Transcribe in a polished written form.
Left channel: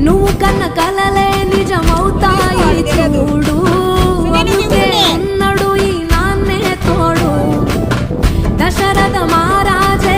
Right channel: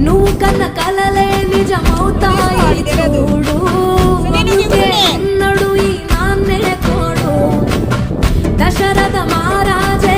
నువ్వు కన్న కలలే నిజమవుతాయి చూడు. అన్నాడు ఈ నాన్నే తోడు. దశరథ మహారాజే